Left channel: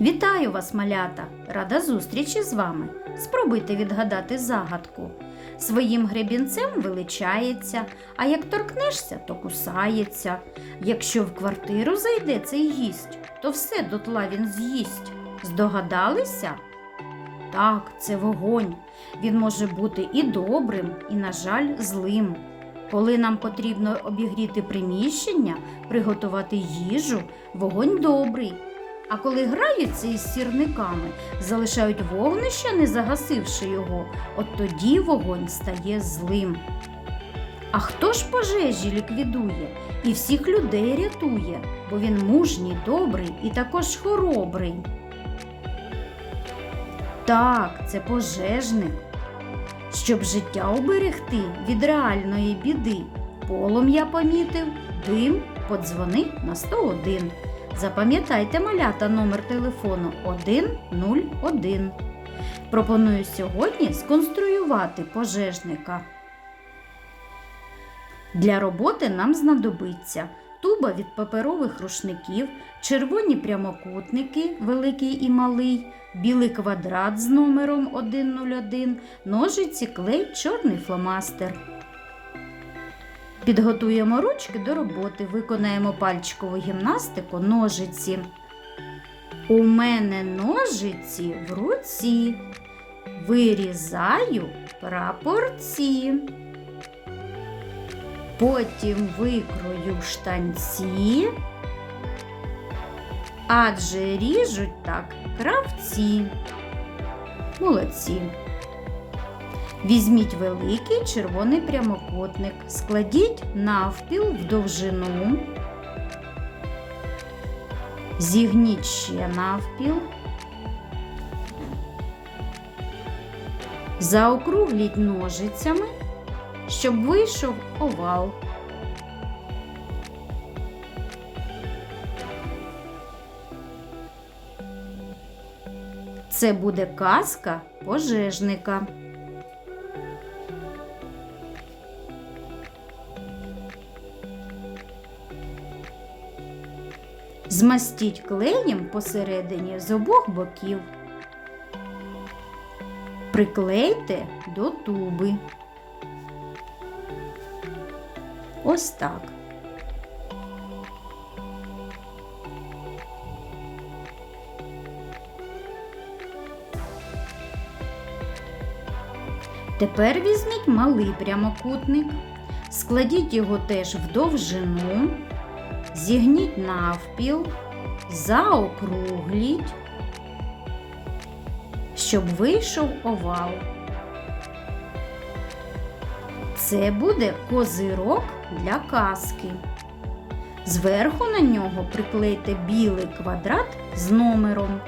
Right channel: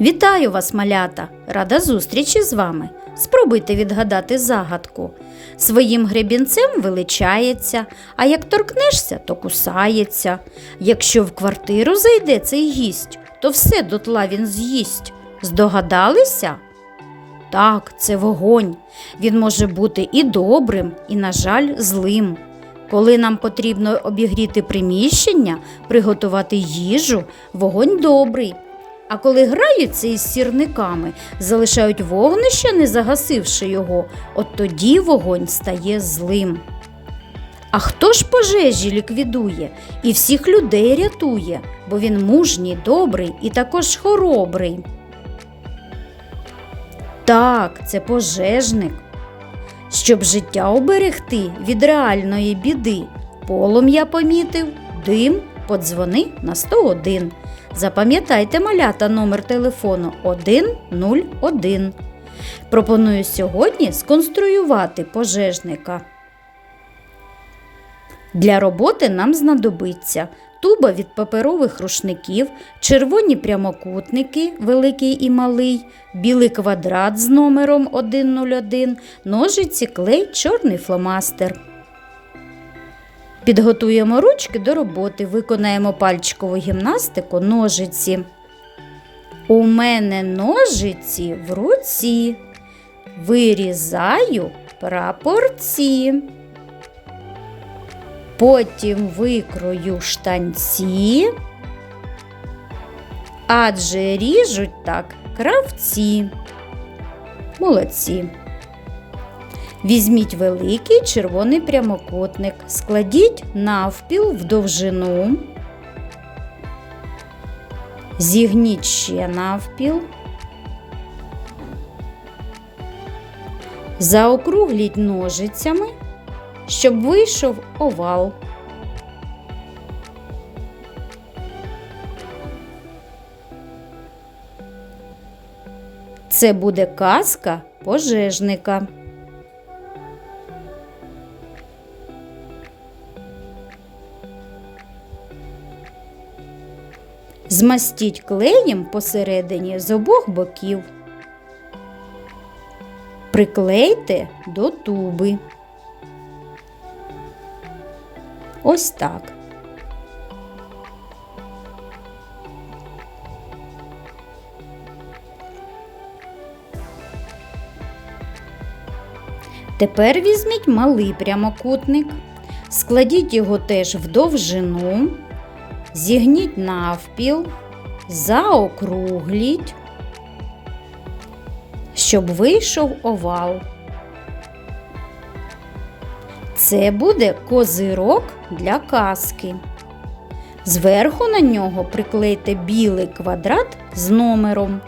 Вітаю вас, малята! Рада зустрічі з вами. Спробуйте відгадати загадку. Своїм гребінцем величається, а як торкнешся, то кусається. Якщо в квартиру зайде цей гість, то все дотла він з'їсть. Здогадалися? Так, це вогонь. Він може бути і добрим, і, на жаль, злим. Коли нам потрібно обігріти приміщення, приготувати їжу, вогонь добрий. А коли граються із сірниками, залишають вогнище, не загасивши його, от тоді вогонь стає злим. А хто ж пожежі ліквідує і всіх людей рятує, бо він мужній, добрий і також хоробрий. Так, це пожежник. Щоб життя оберегти від реальної біди, полум'я помітив, дим, подзвони на 101. Запам'ятайте малята номер телефону 101. Пропоную сьогодні сконструювати пожежника. Для роботи нам знадобиться туба від паперових рушників, червоні прямокутники, великий і малий, білий квадрат з номером 101, ножиці, клей, чорний фломастер. Підготуємо ручки до роботи, виконаємо пальчикову гімнастику ножиці. У мене ножиці в руці. Вирізаю прапорці. Потім викрою штанці, адже ріжуть так кравці. Молодці. Візьміть великий червоний прямокутник, складіть навпіл в довжину, зігніть ще навпіл, заокругліть ножицями, щоб вийшов овал. Це буде казка пожежника. Змастіть клеєм посередині з обох боків. Приклейте до туби. Ось так. Тепер візьміть малий прямокутник, складіть його теж в довжину, зігніть навпіл, заокругліть, щоб вийшов овал. Це буде козирок для казки. Зверху на нього приклейте білий квадрат з номером.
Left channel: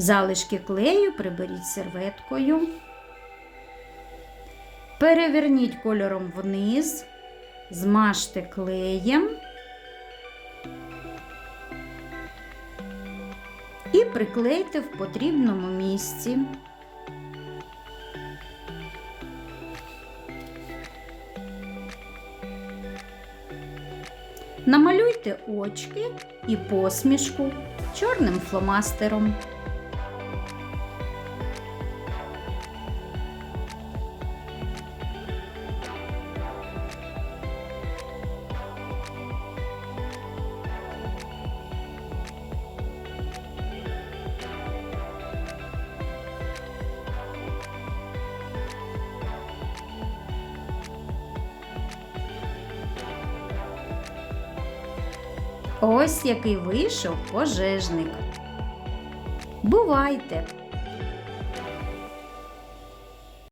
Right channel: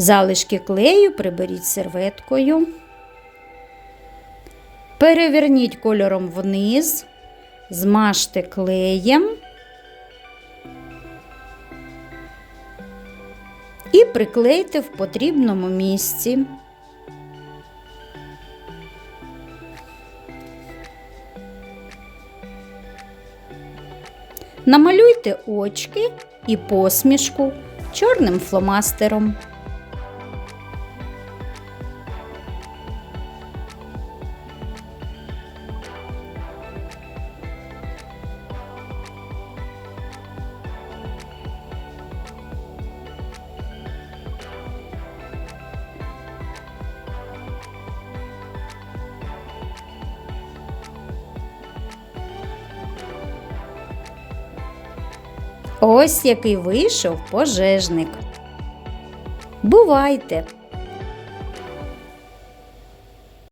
Залишки клею приберіть серветкою. Переверніть кольором вниз, змажте клеєм і приклейте в потрібному місці. Намалюйте очки і посмішку чорним фломастером. Ось який вийшов пожежник. Бувайте!